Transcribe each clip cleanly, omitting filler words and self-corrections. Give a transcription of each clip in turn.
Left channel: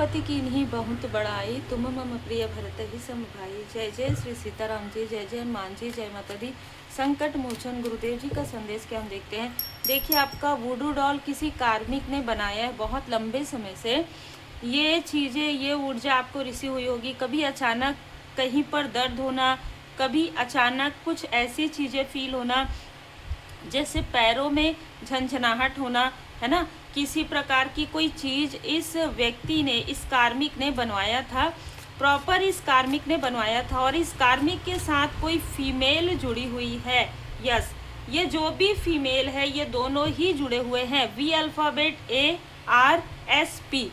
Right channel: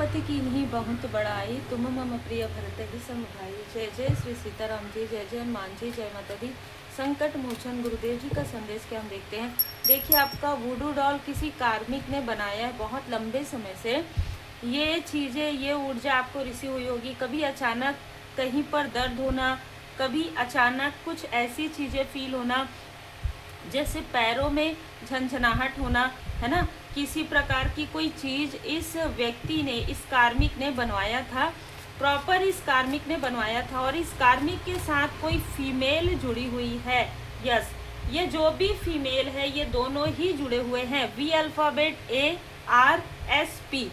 रघुपति की नहीं बहुत बड़ाई, तुम मम प्रिय भरत सम भाई। जय जय श्री सीताराम जी, जय जय हनुमान जी, जय माता दी। संकट मोचन गुरुदेव जी का संदेश क्या हम देखते हैं। देखिए, आपका वुडू डॉल किसी कार्मिक ने बनाया है बहुत लंबे समय से। ये चीज़ें, ये ऊर्जा आपको रिसीव हुई होगी। कभी अचानक कहीं पर दर्द होना, कभी अचानक कुछ ऐसी चीज़ें फील होना जैसे पैरों में झंझनाहट होना, है ना। किसी प्रकार की कोई चीज़ इस व्यक्ति ने, इस कार्मिक ने बनवाया था, प्रॉपर इस कार्मिक ने बनवाया था। और इस कार्मिक के साथ कोई फीमेल जुड़ी हुई है। यस, ये जो भी फीमेल है ये दोनों ही जुड़े हुए हैं। वी अल्फ़ाबेट ARSP,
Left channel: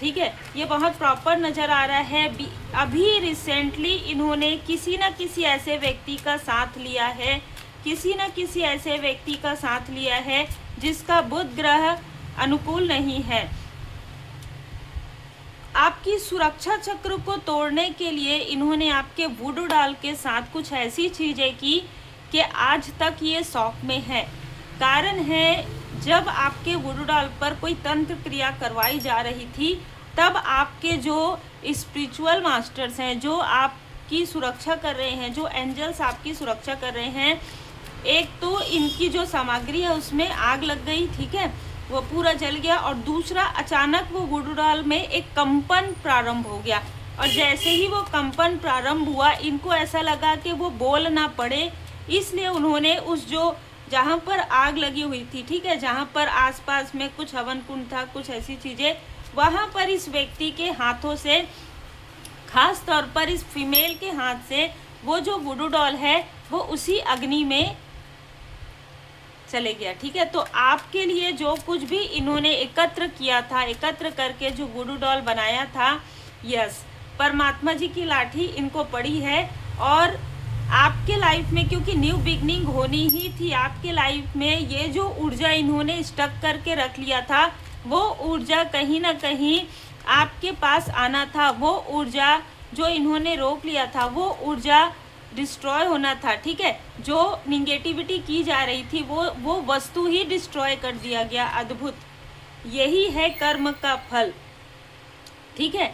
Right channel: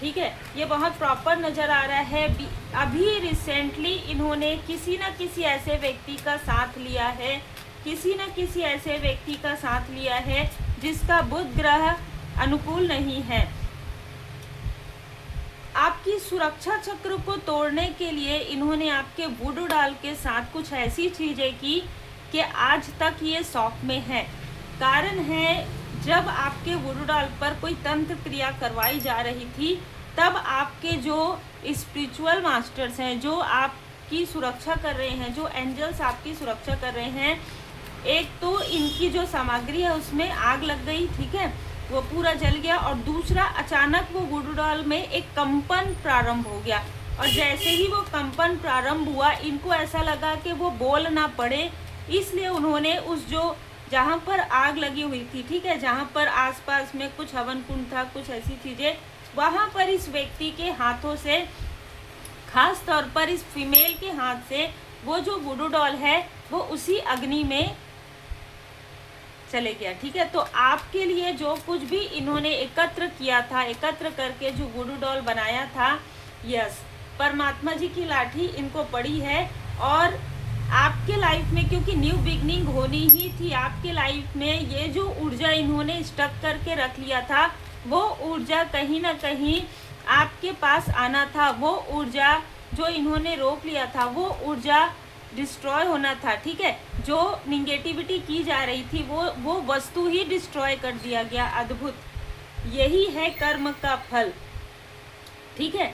ठीक है। ये बहुत प्रॉपर नज़र आ रहा है। अभी रिसेंटली इन्होंने किसी न किसी ऐसे व्यक्ति का साथ लिया है, किसी न किसी ऐसे व्यक्ति का साथ लिया है जिसका बुध ग्रह अनुकूल नहीं है। आपकी सुरक्षा चक्र को तोड़ने के लिए इन्होंने आपके वुडू डाल के साथ कुछ ऐसी चीज़ें की कि आज तक ये शौक में है। कारण है, जब आपके वुडू डाल पर कोई तंत्र क्रिया करवाई जा रही थी, तब आपके जो स्पिरिचुअल मास्टर्स हैं, जो आपकी सुरक्षा कर रहे हैं, जो एंजल्स आपकी सुरक्षा कर रहे हैं, एक तो इनकी जो सामग्री है उसमें आग लग गई, ठीक है, वो पूरा जल गया। और दूसरा, अचानक वो वुडू डाल में एक कंपन प्रारंभ हो गया। और जैसे ही वो कंपन प्रारंभ हुआ, इनको ऐसा लगा कि वो बोल ना पड़े, इसलिए उन्होंने उस जो जहाँ पर आग लगी हुई थी, ठीक है, जहाँ पर आसपास में कुछ हवन कुंड था, कुछ ऐसी चीज़ें, वहाँ पर इस व्यक्ति के हाथों से, खास तौर पर इस फीमेल के हाथ से, वो जो वुडू डॉल है वो उसी अग्नि में चले गया, ठीक है। तो आपके लिए जो कुछ भी इन्होंने एकत्र किया था, एकत्र करके जो वुडू डॉल बनाया था, यस, परमात्मा जी की लाठी इनको पड़ी है। और आपके लाइफ में, क्योंकि न्यू बिगनिंग होनी ही थी आपके लाइफ में, ये जो ऊर्जा इन्होंने स्टक करके रख लिया था, वो ऊर्जा कहीं ना कहीं आपके पास आना था। वो ऊर्जा जो इन्होंने रोक लिया था, वो ऊर्जा डिस्ट्रॉय होना था, ठीक है। जो निगेटिविटी की जा रही थी वो वस्तु ही डिस्ट्रॉय कर दिया गया। अद्भुत, यही है कर्म का फल, ठीक है,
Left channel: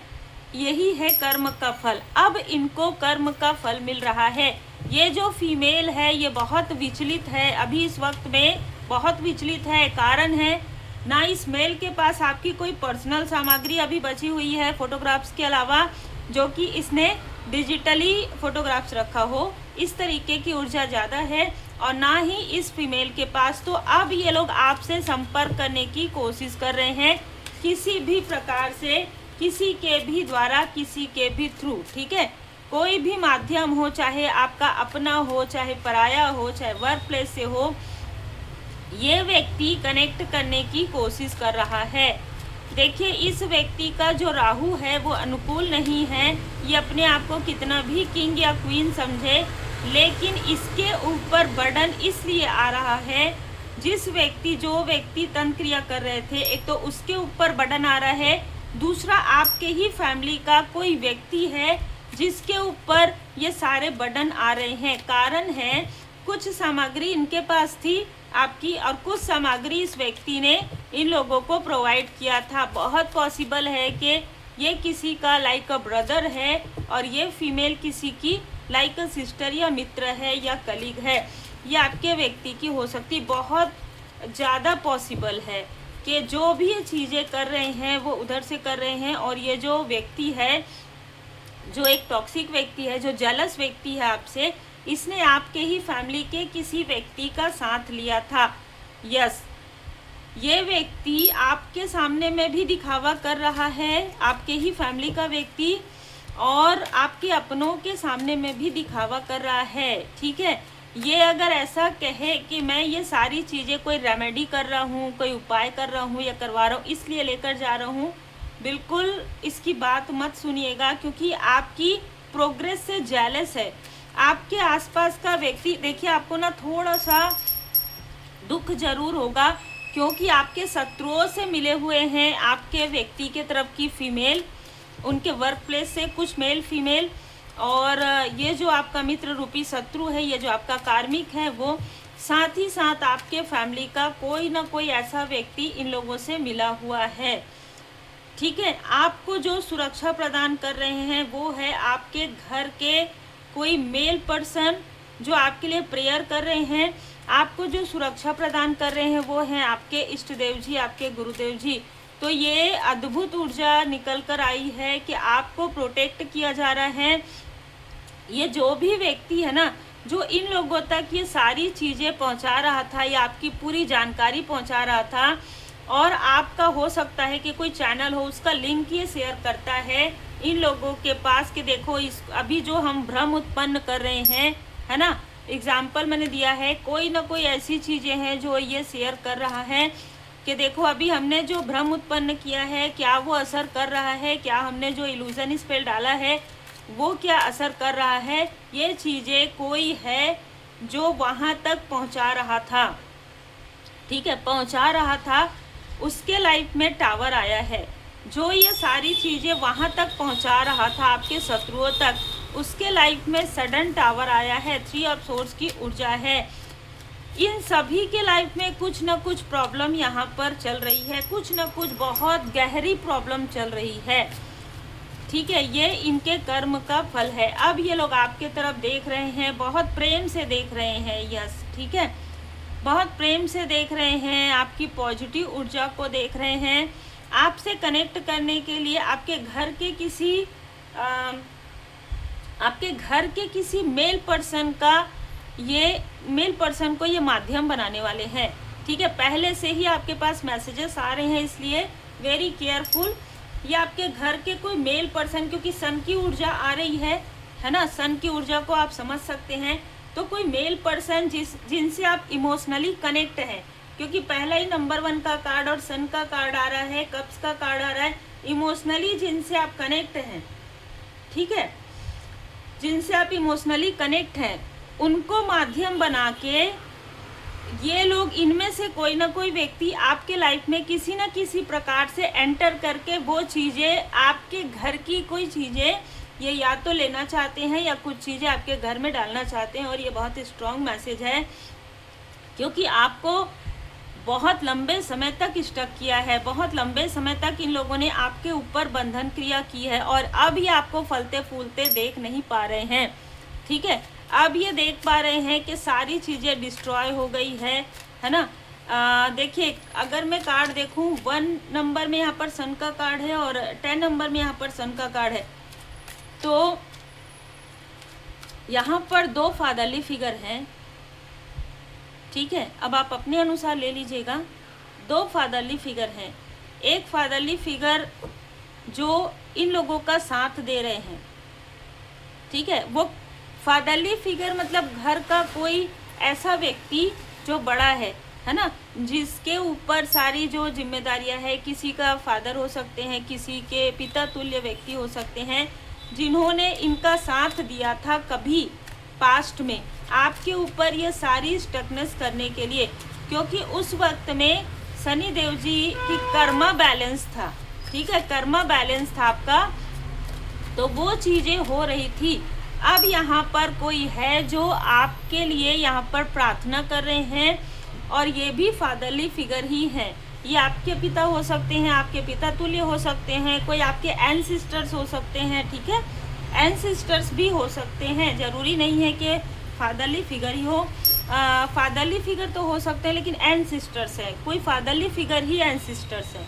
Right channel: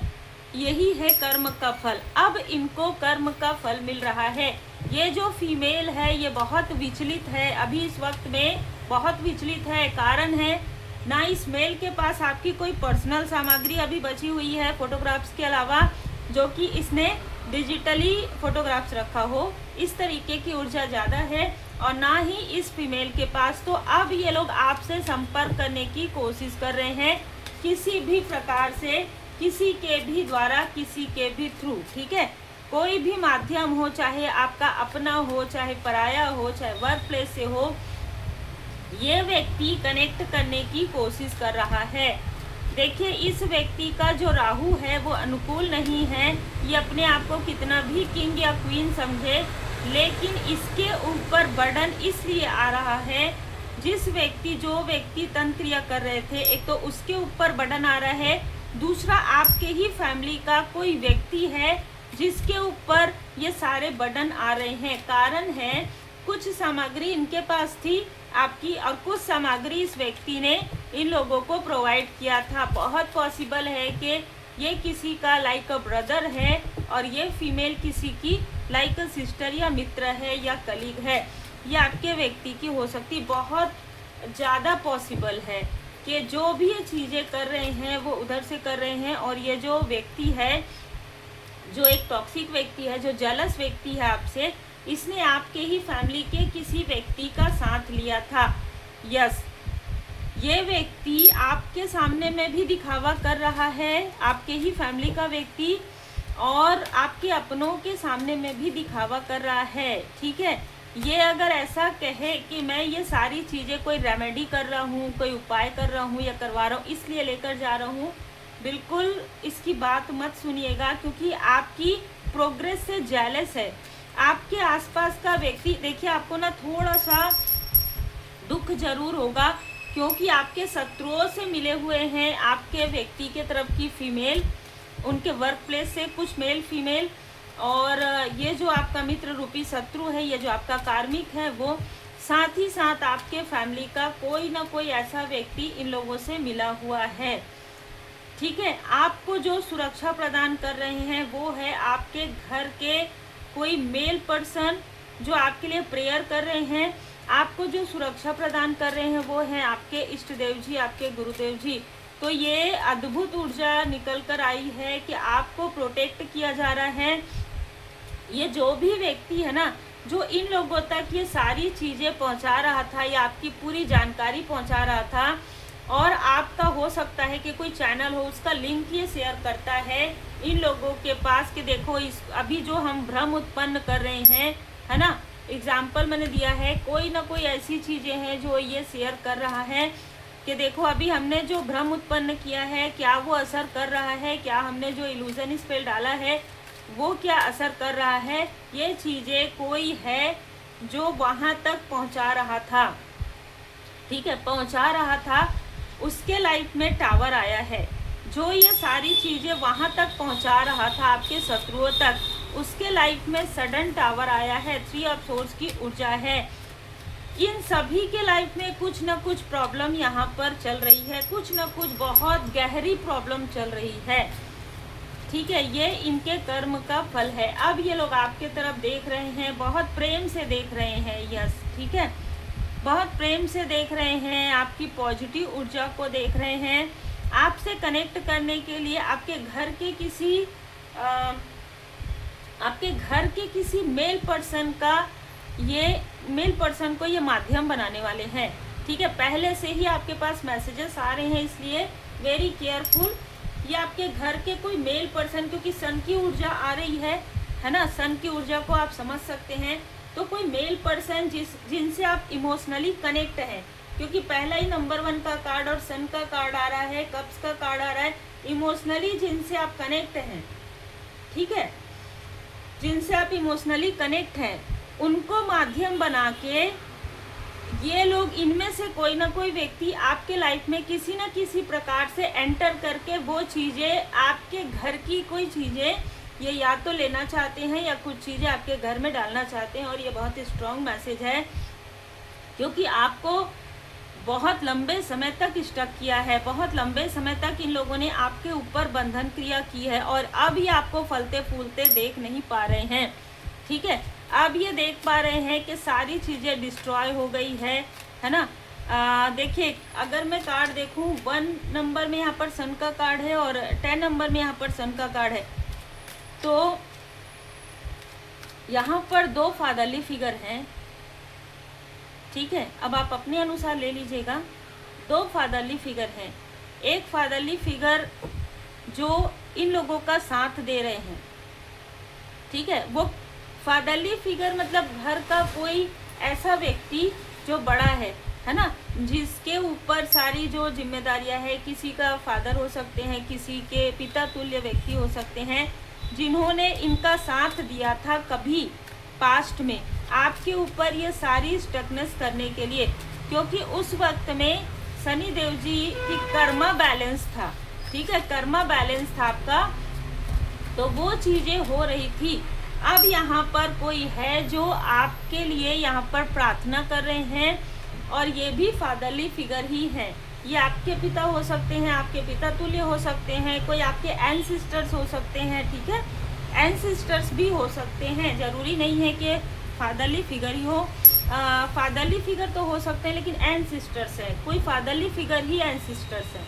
यही है कर्म का फल। अब इनको कर्म का फल मिल रहा है। ये जो फीमेल है ये बहुत विचलित है, अभी इस वक्त में बहुत विचलित है। कारण है ना, इस मेल के पास आपकी कोई पर्सनल सामग्री अभी बची हुई है फोटोग्राफ्स के अलावा, जो कि इसने डिजिटली फोटोग्राफ्स रखा हो, इस तरीके की ऊर्जा ज़्यादा है। और ना ही इस फीमेल के पास। तो अब ये लोग आपसे संपर्क करने की कोशिश कर रहे हैं, किसी भी प्रकार से, किसी के भी द्वारा, किसी के भी थ्रू, ठीक है। कोई भी माध्यम हो, चाहे आपका अपना हो, चाहे पराया हो, चाहे वर्क प्लेस से हो, ये व्यक्ति कनेक्ट करने की कोशिश कर रहा है। देखिए, इस व्यक्ति का जो राहु है वो अनुकूल नहीं है। ये अपने आप को कितना भी किंग या क्वीन समझे, लेकिन इसके ऊपर बर्डन इसलिए आ रहा है, जो व्यक्ति तंत्र क्रिया कर रहे थे, एक तो उसके ऊपर बर्डन आ रहा है, दूसरा आपके ही फैमिली का कोई व्यक्ति है जिसके ऊपर ये सारे बर्डन आ रहे हैं। कारण है, कुछ सामग्री इनके पास थी आपकी, और कुछ सामग्री इस व्यक्ति ने इन लोगों को प्रोवाइड किया था। बहुत पॉसिबल है कि ये किसी का लाइक अ ब्रदर है, और ये फीमेल किसी की लाइक अ सिस्टर या मित्र है या कलीग है। ये आपके व्यक्ति की हो सकती, बहुत ज़्यादा पॉसिबल है कि जो भी ये चीज़ें कर रहे हैं वो उधर से कर रहे हैं। और ये जो व्यक्ति है, जो एक टॉक्सिक व्यक्ति है, जो जेलस व्यक्ति है आपसे, इसने आपके ही फैमिली के किसी व्यक्ति का साथ लिया था। यस, ये व्यक्ति आपके सामने में भी दिखावा कर रहा है, आपके ही फैमिली का व्यक्ति, और आपके अपनों के सामने में भी दिखावा कर रहा है, ठीक है। ये अगर ऐसा कहे कि मैं ये सारी चीज़ें कोई रेमेडी कर रहा हूँ, कोई उपाय कर रहा हूँ या करवा रहा हूँ, इसलिए लेकर जा रहा हूँ, बिल्कुल इसकी बात मत सुनिएगा, क्योंकि आपकी प्रोग्रेस से जेलस है आपके आसपास का व्यक्ति। देखिए, आपको ना थोड़ा सा दुख जरूर होगा, क्योंकि आपके शत्रुओं से मिले हुए हैं आपके व्यक्ति के तरफ की फीमेल, उनके वर्क प्लेस से कुछ मेल फीमेल, और ये जो आपका मित्र रूपी शत्रु है, ये जो आपका कार्मिक है, वो साथ ही साथ आपके फैमिली का कोई ना कोई ऐसा व्यक्ति इन लोगों से मिला हुआ है। ठीक है। आपको जो सुरक्षा प्रदान कर रहे हैं वो है आपके घर के कोई मेल पर्सन जो आपके लिए प्रेयर कर रहे हैं। आपको जो सुरक्षा प्रदान कर रहे हैं वो हैं आपके इष्ट देव जी, आपके गुरुदेव जी। तो ये अद्भुत ऊर्जा निकल कर आई है कि आपको प्रोटेक्ट किया जा रहा है। ये जो भी व्यक्ति है ना, जो इन लोगों तक ये सारी चीज़ें पहुंचा रहा था या आपकी पूरी जानकारी पहुंचा रहा था, और आपका हो सकता है कि कोई चैनल हो उसका लिंक ये शेयर करता है इन लोगों के पास कि देखो इस अभी जो हम भ्रम उत्पन्न कर रहे हैं, है ना, एग्जाम्पल मैंने दिया है, कोई ना कोई ऐसी चीज़ें हैं जो ये शेयर कर रहा है कि देखो अभी हमने जो भ्रम उत्पन्न किया है क्या वो असर कर रहा है, क्या हमने जो इल्यूजन स्पेल डाला है वो क्या असर कर रहा है। ये चीज़ें कोई है जो वहाँ तक पहुँचा रहा था, ठीक है, पहुँचा रहा था, उसके लाइफ में टावर आया है। जो ये सारी चीज़ें वहाँ तक पहुँचा रहा था आपके शत्रुओं तक, उसके लाइफ में सडन टावर आया है। 3 ऑफ सोर्स की ऊर्जा है। इन सभी के लाइफ में कुछ ना कुछ प्रॉब्लम यहाँ पर चल रही है, कुछ ना कुछ बहुत गहरी प्रॉब्लम चल रही है, ठीक है। ये इनके कर्म का फल है। अब ये लोग आपके तरफ देख रहे हैं, बहुत प्रेम से देख रहे हैं, यस, ठीक है, बहुत प्रेम से देख रहे हैं, आपकी पॉजिटिव ऊर्जा को देख रहे हैं। आपसे कनेक्ट करने के लिए आपके घर के किसी मेल पर्सन को ये माध्यम बनाने वाले हैं, ठीक है। पहले से ही आपके पास मैसेजेस आ रहे हैं, इसलिए वेरी केयरफुल। ये आपके घर के कोई मेल पर्सन, क्योंकि सन की ऊर्जा आ रही है ना, सन की ऊर्जा को आप समझ सकते हैं। तो कोई मेल पर्सन जिनसे आप इमोशनली कनेक्ट हैं, क्योंकि पहला ही नंबर 1 का कार्ड और सन का कार्ड आ रहा है, कप्स का कार्ड आ रहा है, इमोशनली जिनसे आप कनेक्ट हैं, ठीक है, जिनसे आप इमोशनली कनेक्ट हैं, उनको माध्यम बना के ये लोग, इनमें से कोई ना कोई व्यक्ति आपके लाइफ में किसी न किसी प्रकार से एंटर करके वो चीज़ें, आपके घर की कोई चीज़ें ये या तो लेना चाहते हैं या कुछ चीज़ें आपके घर में डालना चाहते हैं। और ये बहुत ही स्ट्रॉन्ग मैसेज है, क्योंकि आपको बहुत लंबे समय तक स्टक किया है, बहुत लंबे समय तक इन लोगों ने आपके ऊपर बंधन क्रिया की है, और अब ये आपको फलते फूलते देख नहीं पा रहे हैं, ठीक है। अब ये देख पा रहे हैं कि सारी चीज़ें डिस्ट्रॉय हो गई है ना। देखिए, अगर मैं कार्ड देखूं, 1 नंबर में यहाँ पर सन का कार्ड है और 10 नंबर में यहाँ पर सन का कार्ड है, तो यहाँ पर 2 फादरली फिगर हैं, ठीक है। अब आप अपने अनुसार ले लीजिएगा। 2 फादरली फिगर हैं। एक फादरली फिगर जो इन लोगों का साथ दे रहे हैं, ठीक है, वो फादरली फिगर मतलब घर का कोई ऐसा व्यक्ति जो बड़ा है ना, जिसके ऊपर सारी जो जिम्मेदारियां है, किसी का फादर हो सकते हैं, किसी के पिता तुल्य व्यक्ति हो सकते हैं, जिन्होंने इनका साथ दिया था कभी पास्ट में आपके ऊपर ये सारी स्टकनेस करने के लिए, क्योंकि उस वक्त में शनि देव जी की कर्मा बैलेंस था, ठीक है, कर्मा बैलेंस था आपका, तो वो चीज़ें हो रही थी। अब यहाँ पर कोई है जो आपके लिए यहाँ पर प्रार्थना कर रहे हैं, और ये भी फादरली फिगर ही हैं। ये आपके पिता हो सकते हैं, आपके पिता तुल्य हो सकते हैं, कोई आपके एंसेस्टर्स हो सकते हैं, ठीक है, एंसेस्टर्स भी हो सकते हैं, ज़रूरी नहीं है कि फादरली फिगर ही हो। फादरली फिगर तो हो सकते हैं, लेकिन एंसेस्टर्स है, कोई फादरली फिगर ही एंसेस्टर्स है,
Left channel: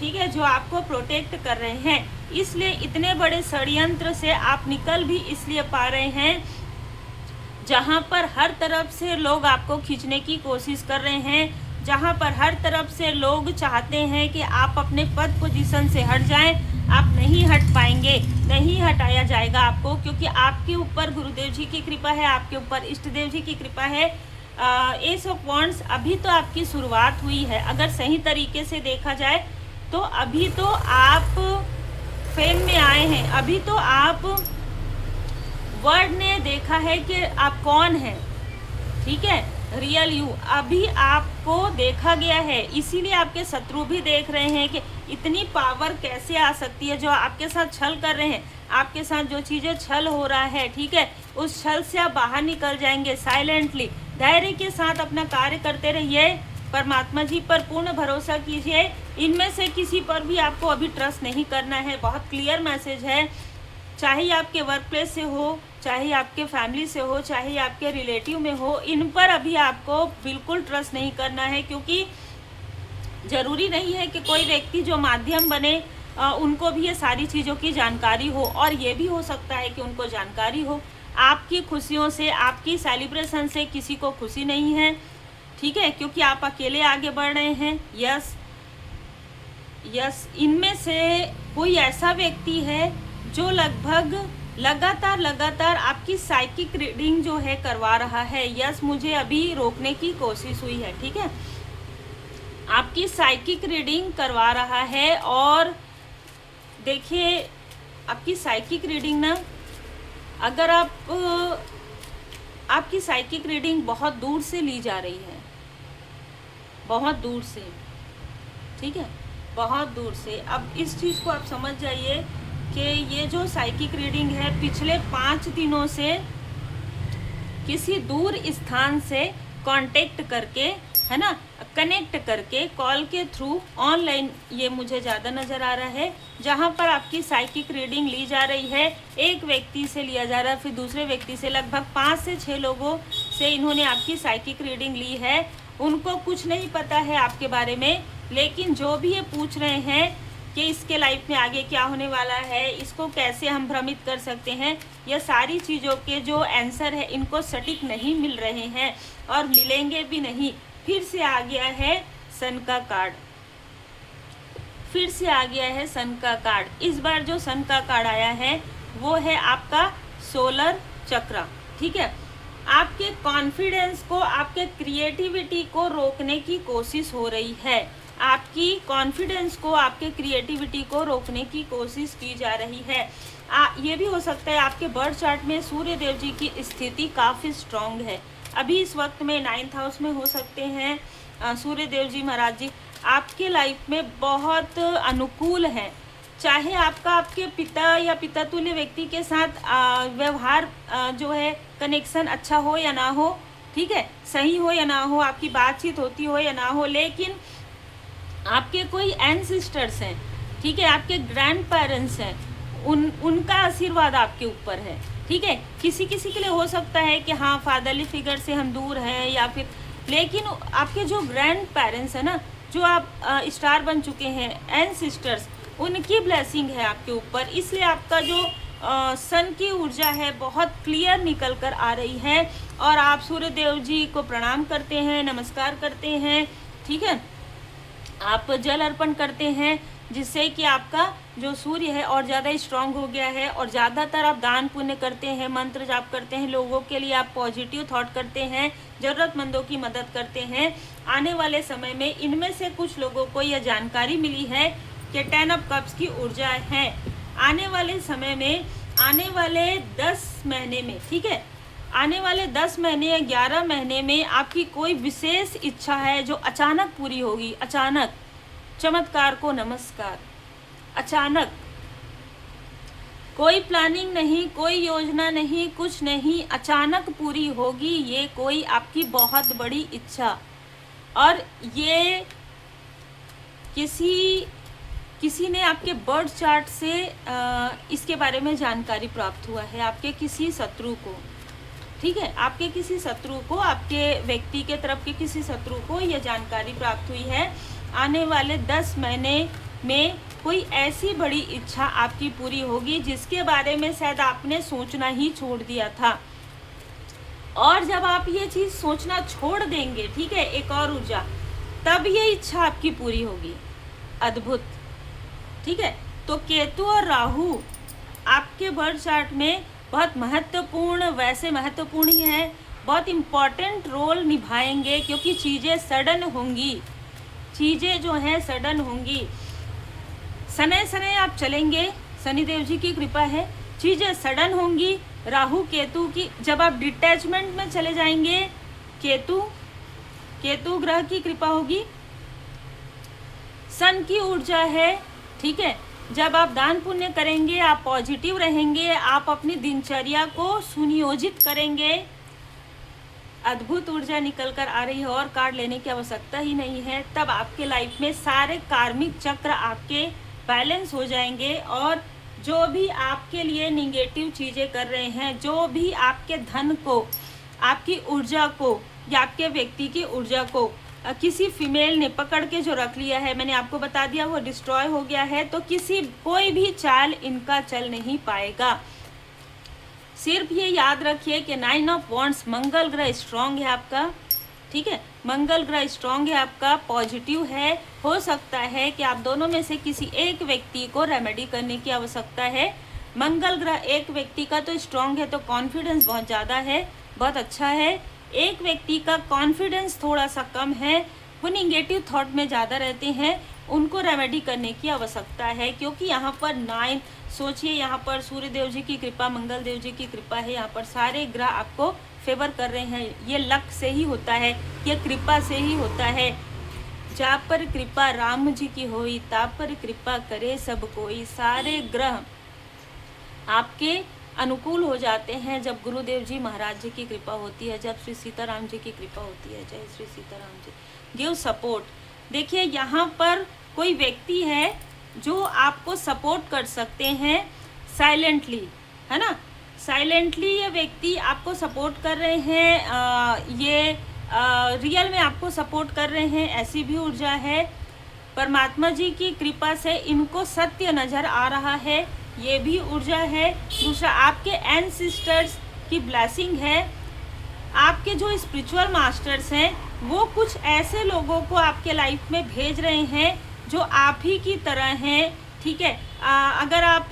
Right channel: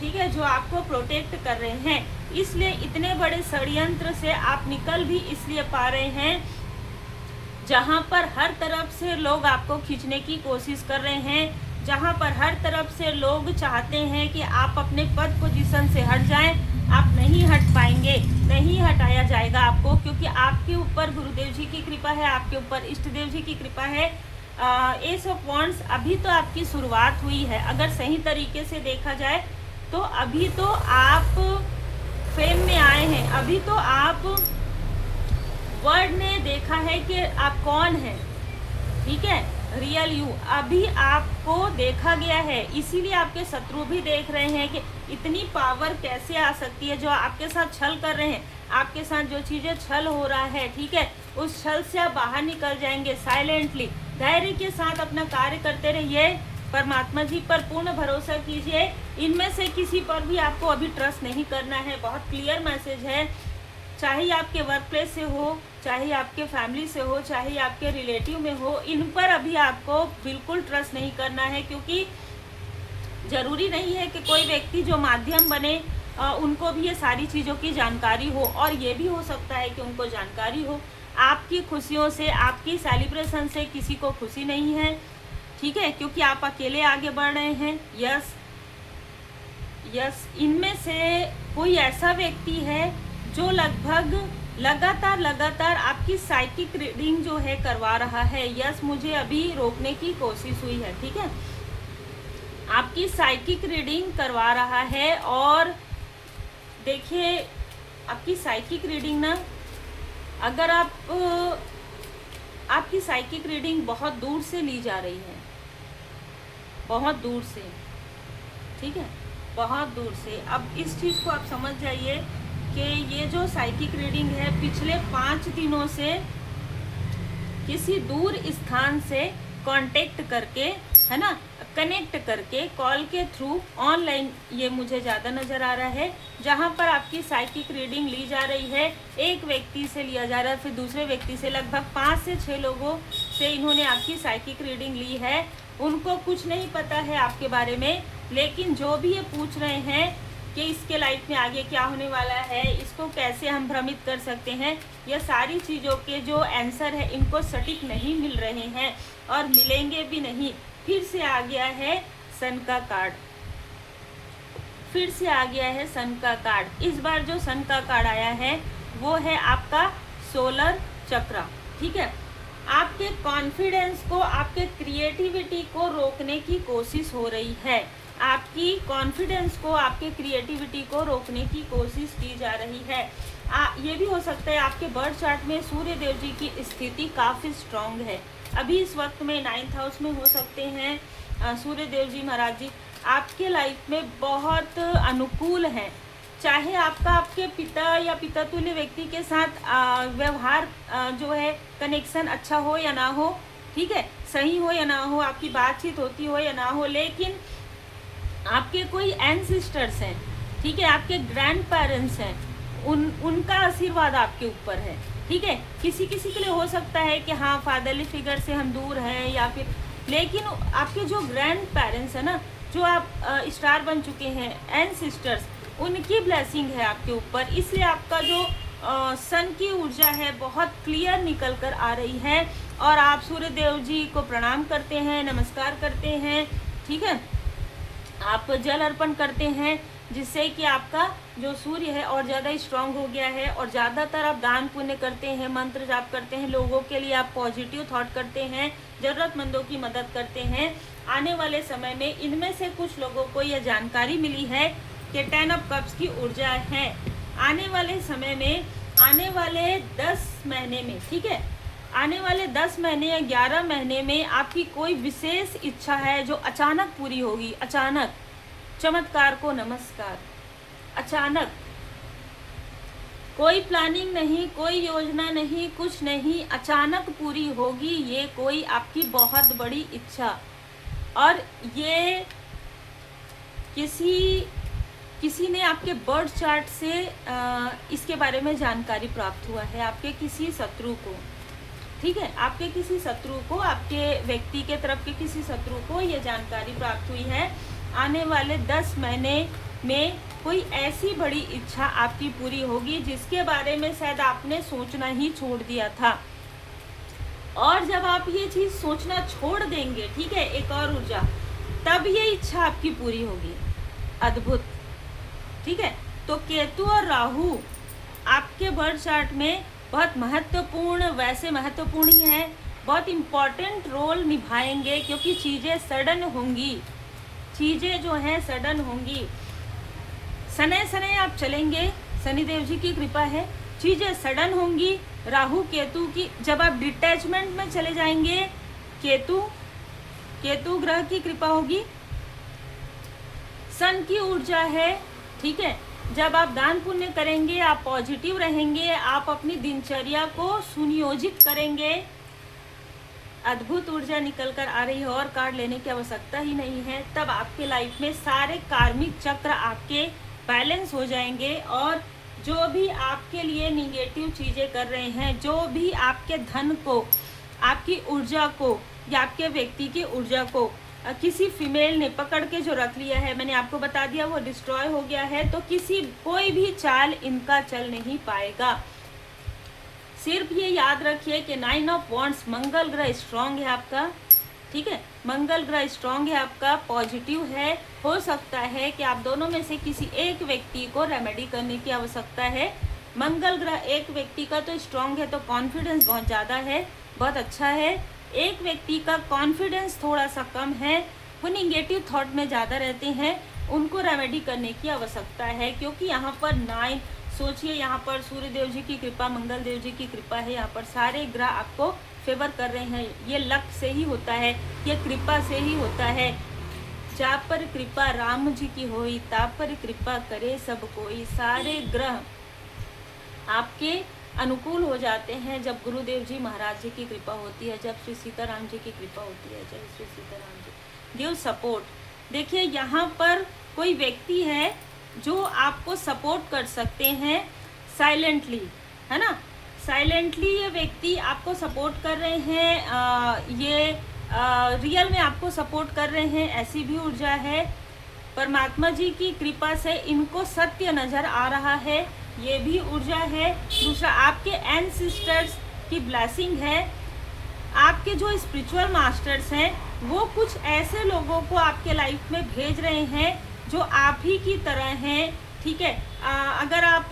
ठीक है, जो आपको प्रोटेक्ट कर रहे हैं। इसलिए इतने बड़े षड्यंत्र से आप निकल भी इसलिए पा रहे हैं, जहां पर हर तरफ से लोग आपको खींचने की कोशिश कर रहे हैं, जहां पर हर तरफ से लोग चाहते हैं कि आप अपने पद पोजीशन से हट जाएं, आप नहीं हट पाएंगे, नहीं हटाया जाएगा आपको, क्योंकि आपके ऊपर गुरुदेव जी की कृपा है, आपके ऊपर इष्ट देव जी की कृपा है। एस ऑफ वॉन्ड्स, अभी तो आपकी शुरुआत हुई है, अगर सही तरीके से देखा जाए तो अभी तो आप फेम में आए हैं, अभी तो आप वर्ड ने देखा है कि आप कौन हैं, ठीक है, रियल यू अभी आपको देखा गया है, इसीलिए आपके शत्रु भी देख रहे हैं कि इतनी पावर कैसे आ सकती है। जो आपके साथ छल कर रहे हैं, आपके साथ जो चीज़ें छल हो रहा है, ठीक है, उस छल से आप बाहर निकल जाएंगे। साइलेंटली धैर्य के साथ अपना कार्य करते रहिए, परमात्मा जी पर पूर्ण भरोसा कीजिए। इनमें से किसी पर भी आपको अभी ट्रस्ट नहीं करना है। बहुत क्लियर मैसेज है। चाहे आपके वर्क प्लेस से हो, चाहे आपके फैमिली से हो, चाहे आपके रिलेटिव में हो, इन पर अभी आपको बिल्कुल ट्रस्ट नहीं करना है, क्योंकि ज़रूरी नहीं है कि कोई व्यक्ति जो माध्यम बने उनको भी ये सारी चीज़ों की जानकारी हो, और ये भी हो सकता है कि उनको जानकारी हो। आपकी खुशियों से, आपकी सेलिब्रेशन से किसी को खुशी नहीं है, ठीक है, क्योंकि आप अकेले आगे बढ़ रहे हैं। यस, इनमें से कोई ऐसा व्यक्ति है जो लगातार आपकी साइकिक रीडिंग जो है करवा रहा है। यस, मुझे अभी रोकने की कोशिश हुई है, ठीक है, आपकी साइकिक रीडिंग करवा रहा है। और देखिए, आपकी साइकिक रीडिंग ना, अगर आपकी साइकिक रीडिंग बहुत दूर से ली जा रही है, बहुत दूर से, ठीक है, बहुत दूर से। अब इस चीज़ को आप समझ जाइए कि ये जो साइकिक रीडिंग है पिछले 5 दिनों से किसी दूर स्थान से कांटेक्ट करके, है ना, कनेक्ट करके, कॉल के थ्रू, ऑनलाइन, ये मुझे ज़्यादा नज़र आ रहा है, जहाँ पर आपकी साइकिक रीडिंग ली जा रही है। एक व्यक्ति से लिया जा रहा है, फिर दूसरे व्यक्ति से, लगभग 5 से 6 लोगों से इन्होंने आपकी साइकिक रीडिंग ली है। उनको कुछ नहीं पता है आपके बारे में, लेकिन जो भी ये पूछ रहे हैं कि इसके लाइफ में आगे क्या होने वाला है, इसको कैसे हम भ्रमित कर सकते हैं, यह सारी चीज़ों के जो आंसर है इनको सटीक नहीं मिल रहे हैं और मिलेंगे भी नहीं। फिर से आ गया है सन का कार्ड, फिर से आ गया है सन का कार्ड। इस बार जो सन का कार्ड आया है वो है आपका सोलर चक्र, ठीक है। आपके कॉन्फिडेंस को, आपके क्रिएटिविटी को रोकने की कोशिश हो रही है। आपकी कॉन्फिडेंस को, आपके क्रिएटिविटी को रोकने की कोशिश की जा रही है। ये भी हो सकता है आपके बर्थ चार्ट में सूर्य देव जी की स्थिति काफ़ी स्ट्रांग है। अभी इस वक्त में 9th हाउस में हो सकते हैं सूर्य देव जी महाराज जी आपके लाइफ में बहुत अनुकूल हैं। चाहे आपका आपके पिता या पिता तुल्य व्यक्ति के साथ व्यवहार जो है, कनेक्शन अच्छा हो या ना हो, ठीक है, सही हो या ना हो, आपकी बातचीत होती हो या ना हो, लेकिन आपके कोई एंसेस्टर्स हैं, ठीक है, आपके ग्रैंड पेरेंट्स हैं, उनका आशीर्वाद आपके ऊपर है, ठीक है। किसी किसी के लिए हो सकता है कि हाँ, फादरली फिगर से हम दूर हैं, या फिर, लेकिन आपके जो ग्रैंड पेरेंट्स हैं ना, जो आप स्टार बन चुके हैं, एंसेस्टर्स, उनकी ब्लेसिंग है आपके ऊपर। इसलिए आपका जो सन की ऊर्जा है बहुत क्लियर निकल कर आ रही है, और आप सूर्य देव जी को प्रणाम करते हैं, नमस्कार करते हैं, ठीक है, आप जल अर्पण करते हैं, जिससे कि आपका जो सूर्य है और ज़्यादा स्ट्रांग हो गया है। और ज़्यादातर आप दान पुण्य करते हैं, मंत्र जाप करते हैं, लोगों के लिए आप पॉजिटिव थॉट करते हैं, ज़रूरतमंदों की मदद करते हैं। आने वाले समय में इनमें से कुछ लोगों को यह जानकारी मिली है कि 10 ऑफ कप्स की ऊर्जा है। आने वाले समय में, आने वाले 10 महीने में, ठीक है, आने वाले 10 महीने या 11 महीने में आपकी कोई विशेष इच्छा है जो अचानक पूरी होगी। अचानक, चमत्कार को नमस्कार, अचानक, कोई प्लानिंग नहीं, कोई योजना नहीं, कुछ नहीं, अचानक पूरी होगी ये कोई आपकी बहुत बड़ी इच्छा। और ये किसी ने आपके बर्थ चार्ट से इसके बारे में जानकारी प्राप्त हुआ है, आपके किसी शत्रु को, ठीक है, आपके किसी शत्रु को, आपके व्यक्ति के तरफ के किसी शत्रु को यह जानकारी प्राप्त हुई है। आने वाले 10 महीने में कोई ऐसी बड़ी इच्छा आपकी पूरी होगी जिसके बारे में शायद आपने सोचना ही छोड़ दिया था। और जब आप ये चीज़ सोचना छोड़ देंगे, ठीक है, एक और ऊर्जा, तब ये इच्छा आपकी पूरी होगी। अद्भुत, ठीक है। तो केतु और राहु आपके बर्थ चार्ट में बहुत महत्वपूर्ण, वैसे महत्वपूर्ण ही है, बहुत इम्पॉर्टेंट रोल निभाएंगे, क्योंकि चीज़ें सडन होंगी, चीज़ें जो हैं सडन होंगी। सने सने आप चलेंगे, शनिदेव जी की कृपा है, चीज़ें सडन होंगी। राहु केतु की, जब आप डिटैचमेंट में चले जाएंगे, केतु ग्रह की कृपा होगी, सन की ऊर्जा है, ठीक है। जब आप दान पुण्य करेंगे, आप पॉजिटिव रहेंगे, आप अपनी दिनचर्या को सुनियोजित करेंगे, अद्भुत ऊर्जा निकल कर आ रही है और कार्ड लेने की आवश्यकता ही नहीं है। तब आपके लाइफ में सारे कार्मिक चक्र आपके बैलेंस हो जाएंगे और जो भी आपके लिए निगेटिव चीज़ें कर रहे हैं, जो भी आपके धन को, आपकी ऊर्जा को या आपके व्यक्ति की ऊर्जा को किसी फीमेल ने पकड़ के जो रख लिया है, मैंने आपको बता दिया वो डिस्ट्रॉय हो गया है, तो कोई भी चाल इनका चल नहीं पाएगा। सिर्फ ये याद रखिए कि 9 ऑफ वॉन्ड्स, मंगल ग्रह स्ट्रांग है आपका, ठीक है, मंगल ग्रह स्ट्रांग है आपका, पॉजिटिव है। हो सकता है कि आप दोनों में से किसी एक व्यक्ति को रेमेडी करने की आवश्यकता है। मंगल ग्रह एक व्यक्ति का तो स्ट्रांग है, तो कॉन्फिडेंस बहुत ज़्यादा है, बहुत अच्छा है। एक व्यक्ति का कॉन्फिडेंस थोड़ा सा कम है, वो निगेटिव थॉट में ज़्यादा रहते हैं, उनको रेमेडी करने की आवश्यकता है, क्योंकि यहाँ पर 9, सोचिए यहाँ पर सूर्य देव जी की कृपा, मंगल देव जी की कृपा है, यहाँ पर सारे ग्रह आपको फेवर कर रहे हैं। ये लक से ही होता है, ये कृपा से ही होता है। जा पर कृपा राम जी की होई, ता पर कृपा करे सब कोई। सारे ग्रह आपके अनुकूल हो जाते हैं जब गुरुदेव जी महाराज जी की कृपा होती है, जब श्री सीताराम जी की कृपा होती है। जय श्री सीताराम जी। Give support. देखिए यहाँ पर कोई व्यक्ति है जो आपको सपोर्ट कर सकते हैं साइलेंटली, है ना, साइलेंटली ये व्यक्ति आपको सपोर्ट कर रहे हैं, ये रियल में आपको सपोर्ट कर रहे हैं, ऐसी भी ऊर्जा है। परमात्मा जी की कृपा से इनको सत्य नजर आ रहा है, ये भी ऊर्जा है। दूसरा, आपके एंसेस्टर्स की ब्लेसिंग है। आपके जो स्पिरिचुअल मास्टर्स हैं वो कुछ ऐसे लोगों को आपके लाइफ में भेज रहे हैं जो आप ही की तरह हैं, ठीक है। अगर आप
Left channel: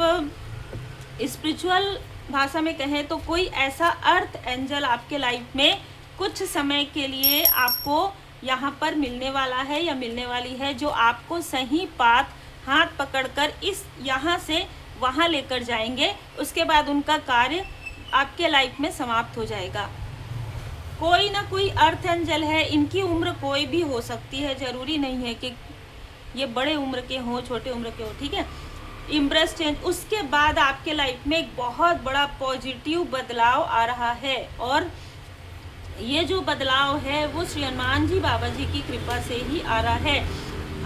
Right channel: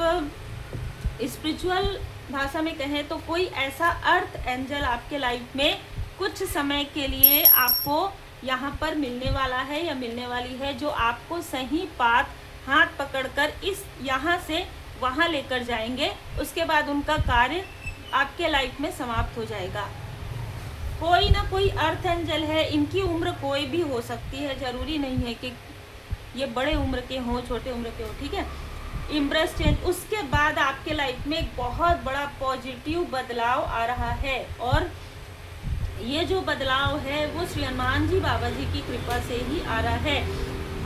स्पिरिचुअल भाषा में कहें तो कोई ऐसा अर्थ एंजल आपके लाइफ में कुछ समय के लिए आपको यहाँ पर मिलने वाला है या मिलने वाली है, जो आपको सही पाथ हाथ पकड़कर इस यहाँ से वहाँ लेकर जाएंगे। उसके बाद उनका कार्य आपके लाइफ में समाप्त हो जाएगा। कोई ना कोई अर्थ एंजल है, इनकी उम्र कोई भी हो सकती है, जरूरी नहीं है कि ये बड़े उम्र के हों, छोटे उम्र के हो, ठीक है। इम्ब्रेस चेंज, उसके बाद आपके लाइफ में एक बहुत बड़ा पॉजिटिव बदलाव आ रहा है, और ये जो बदलाव है वो श्री हनुमान जी बाबा जी की कृपा से ही आ रहा है।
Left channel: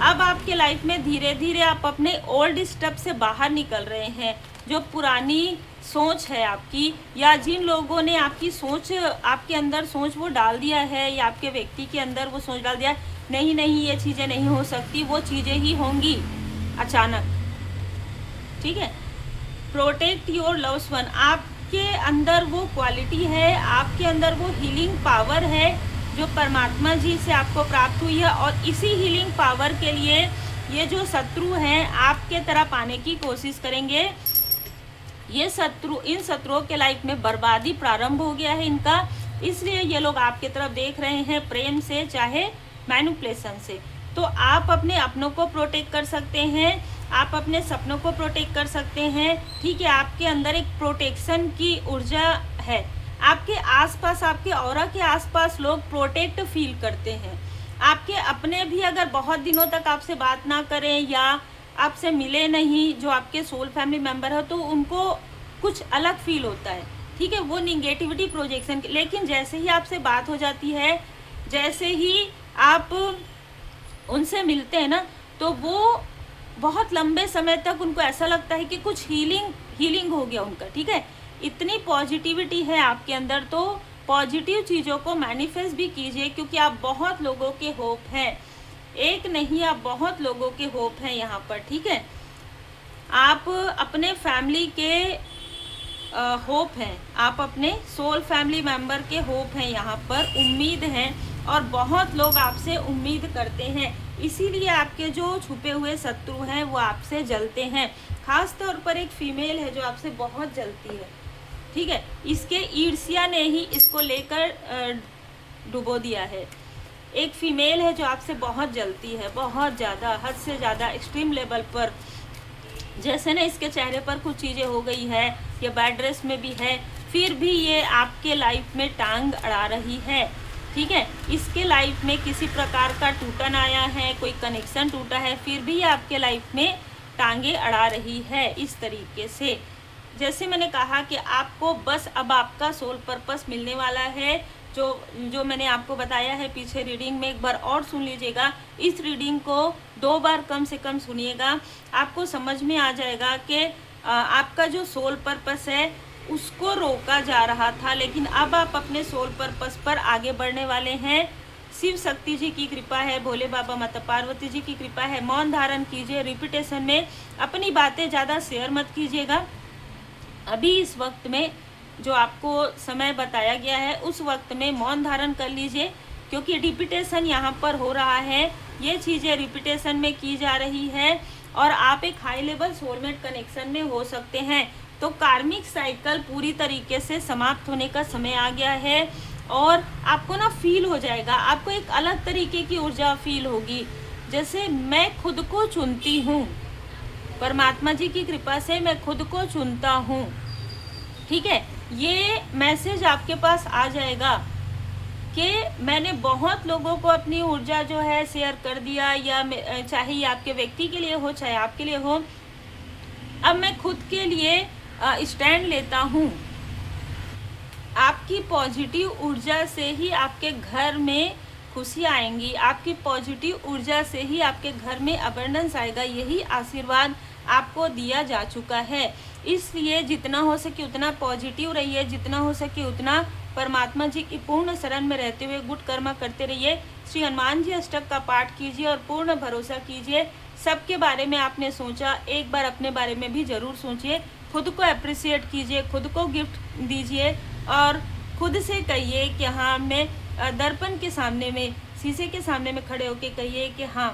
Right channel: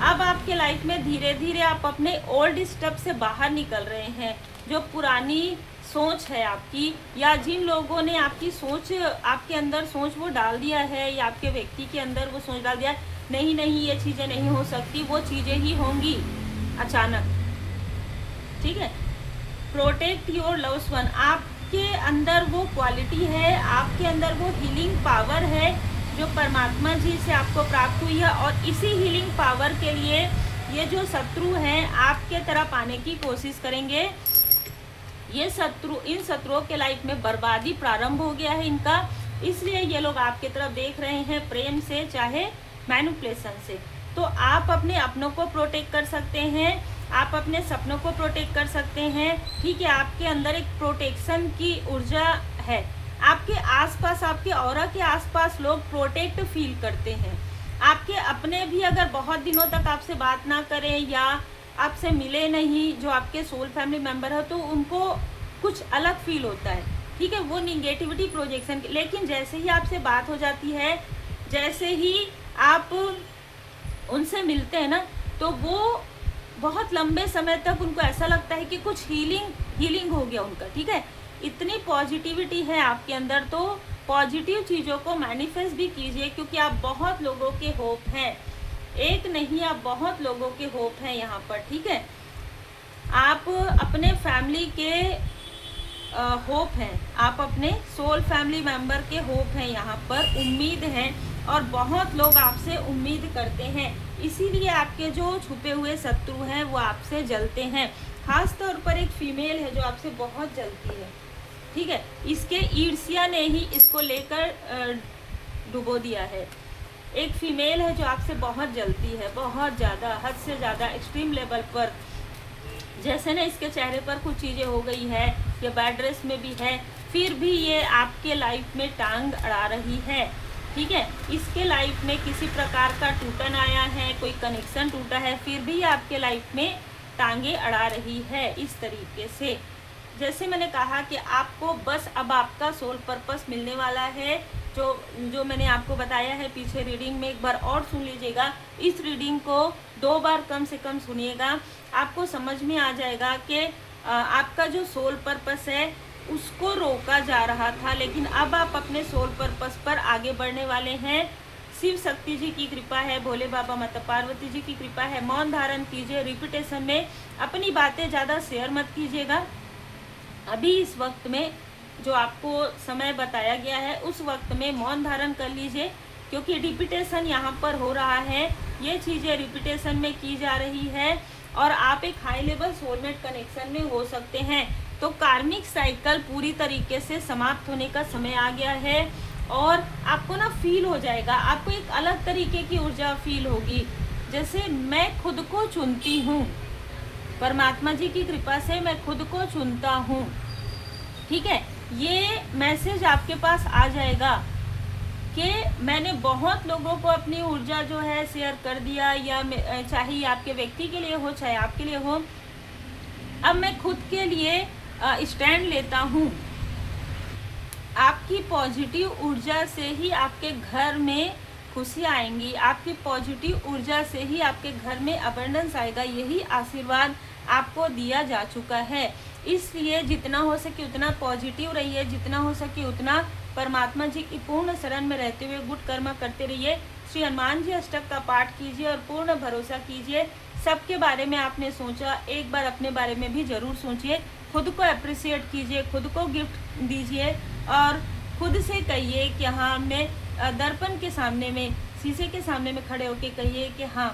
अब आपके लाइफ में धीरे धीरे आप अपने ओल्ड स्टेप से बाहर निकल रहे हैं। जो पुरानी सोच है आपकी, या जिन लोगों ने आपकी सोच, आपके अंदर सोच वो डाल दिया है, या आपके व्यक्ति के अंदर वो सोच डाल दिया, नहीं नहीं ये चीज़ें नहीं हो सकती, वो चीज़ें ही होंगी अचानक, ठीक है। प्रोटेक्ट योर लव्ड वन, आपके अंदर वो क्वालिटी है, आपके अंदर वो हीलिंग पावर है जो परमात्मा जी से आपको प्राप्त हुई है, और इसी हीलिंग पावर के लिए ये जो शत्रु हैं आपके तरह पाने की कोशिश करेंगे। ये शत्रु, इन शत्रुओं के लाइफ में बर्बादी प्रारंभ हो गया है इनका, इसलिए ये लोग आपके तरफ देख रहे हैं, प्रेम से चाहे मैनिपुलेशन से। तो आप अपने अपनों को प्रोटेक्ट कर सकते हैं, आप अपने सपनों को प्रोटेक्ट कर सकते हैं, ठीक है। आपके अंदर एक प्रोटेक्शन की ऊर्जा है, आपके आसपास, आपके ऑरा के आसपास लोग प्रोटेक्ट फील करते हैं। आपके अपने भी अगर बहुत दिनों तक आपसे बात ना करें या आपसे मिले नहीं, जो आपके सोल फैमिली मेंबर है, तो उनको कुछ अलग फील होता है, ठीक है, वो निगेटिविटी प्रोजेक्शन। लेकिन जैसे ही आपसे बात हो जाती है, जैसे ही आप उनसे मिलते हैं ना, तो वो बहुत लंबे समय तक उनको ऐसा लगता है कि कुछ हीलिंग हो गया उनका, ठीक है। इतनी पॉजिटिविटी है आपके अंदर, तो पॉजिटिव चीज़ों को मैनिफेस्ट भी कीजिए, क्योंकि आप बहुत लोगों के होप हैं, एक नहीं आप बहुत लोगों के होप हैं यहाँ पर, ठीक है। आप अपने फैमिली के होप हैं, आप अपने सोल फैमिली मेंबर के होप हैं, यहाँ पर उम्मीद हैं, और बहुत लोग आपसे उम्मीद करते हैं, इसीलिए आपके जो छुपे हुए शत्रु हैं वो आपसे जलते हैं। खास तौर पर एक फीमेल है जो आपसे बहुत जलती है, ठीक है, इसके ईर्ष्या ने ही इसको लेकर डुबो दिया है। एक फीमेल है जो आपसे बहुत जलती है, बहुत ज़्यादा, हद से ज़्यादा, एक्सट्रीम लेवल पर। जैसे ना इसके चेहरे पर कुछ चीज़ें हो गई है, ये बैड ड्रेस में भी है, फिर भी ये आपके लाइफ में टांग अड़ा रही है, ठीक है। इसके लाइफ में किसी प्रकार का टूटन आया है, कोई कनेक्शन टूटा है, फिर भी आपके लाइफ में टांगे अड़ा रही है इस तरीके से। जैसे मैंने कहा कि आपको बस अब आपका सोल पर्पस मिलने वाला है, जो मैंने आपको बताया है पीछे रीडिंग में, एक बार और सुन लीजिएगा। इस रीडिंग को 2 बार कम से कम सुनिएगा, आपको समझ में आ जाएगा कि आपका जो सोल पर्पस है उसको रोका जा रहा था, लेकिन अब आप अपने सोल पर्पस पर आगे बढ़ने वाले हैं। शिव शक्ति जी की कृपा है, भोले बाबा माता पार्वती जी की कृपा है। मौन धारण कीजिए, रिपीटेशन में अपनी बातें ज़्यादा शेयर मत कीजिएगा। अभी इस वक्त में जो आपको समय बताया गया है उस वक्त में मौन धारण कर लीजिए, क्योंकि रिपीटेशन यहाँ पर हो रहा है, ये चीज़ें रिपीटेशन में की जा रही है और आप एक हाई लेवल सोलमेट कनेक्शन में हो सकते हैं। तो कार्मिक साइकिल पूरी तरीके से समाप्त होने का समय आ गया है और आपको ना फील हो जाएगा, आपको एक अलग तरीके की ऊर्जा फील होगी, जैसे मैं खुद को चुनती हूँ, परमात्मा जी की कृपा से मैं खुद को चुनता हूँ। ठीक है, ये मैसेज आपके पास आ जाएगा कि मैंने बहुत लोगों को अपनी ऊर्जा जो है शेयर कर दिया, या चाहे ये आपके व्यक्ति के लिए हो चाहे आपके लिए हो, अब मैं खुद के लिए स्टैंड लेता हूँ। आपकी पॉजिटिव ऊर्जा से ही आपके घर में खुशी आएंगी, आपकी पॉजिटिव ऊर्जा से ही आपके घर में अबंडेंस आएगा, यही आशीर्वाद आपको दिया जा चुका है। इसलिए जितना हो सके उतना पॉजिटिव रहिए, जितना हो सके उतना परमात्मा जी की पूर्ण शरण में रहते हुए गुड कर्म करते रहिए। श्री हनुमान जी अष्टक का पाठ कीजिए और पूर्ण भरोसा कीजिए। सबके बारे में आपने सोचा, एक बार अपने बारे में भी जरूर सोचिए। खुद को अप्रिशिएट कीजिए, खुद को गिफ्ट दीजिए और खुद से कहिए कि हाँ, मैं दर्पण के सामने में, शीशे के सामने में खड़े होकर कहिए कि हाँ,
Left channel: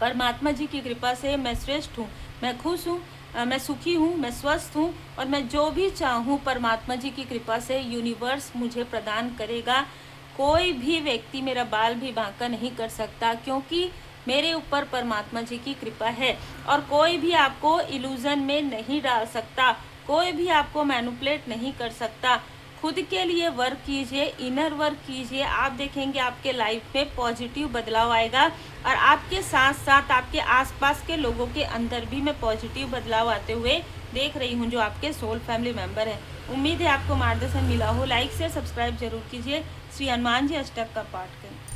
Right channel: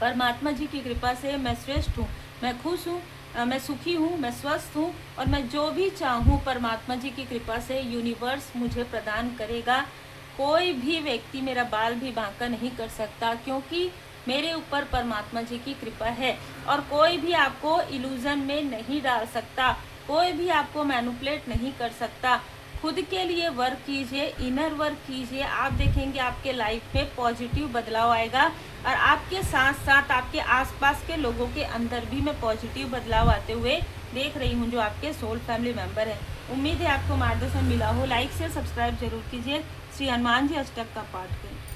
परमात्मा जी की कृपा से मैं श्रेष्ठ हूँ, मैं खुश हूँ, मैं सुखी हूँ, मैं स्वस्थ हूँ और मैं जो भी चाहूँ परमात्मा जी की कृपा से यूनिवर्स मुझे प्रदान करेगा। कोई भी व्यक्ति मेरा बाल भी बांका नहीं कर सकता, क्योंकि मेरे ऊपर परमात्मा जी की कृपा है। और कोई भी आपको इल्यूजन में नहीं डाल सकता, कोई भी आपको मैनिपुलेट नहीं कर सकता। खुद के लिए वर्क कीजिए, इनर वर्क कीजिए, आप देखेंगे आपके लाइफ में पॉजिटिव बदलाव आएगा और आपके साथ साथ आपके आसपास के लोगों के अंदर भी मैं पॉजिटिव बदलाव आते हुए देख रही हूँ, जो आपके सोल फैमिली मेंबर हैं। उम्मीद है आपको मार्गदर्शन मिला हो। लाइक से सब्सक्राइब जरूर कीजिए। श्री हनुमान जी अष्टक का पाठ करें।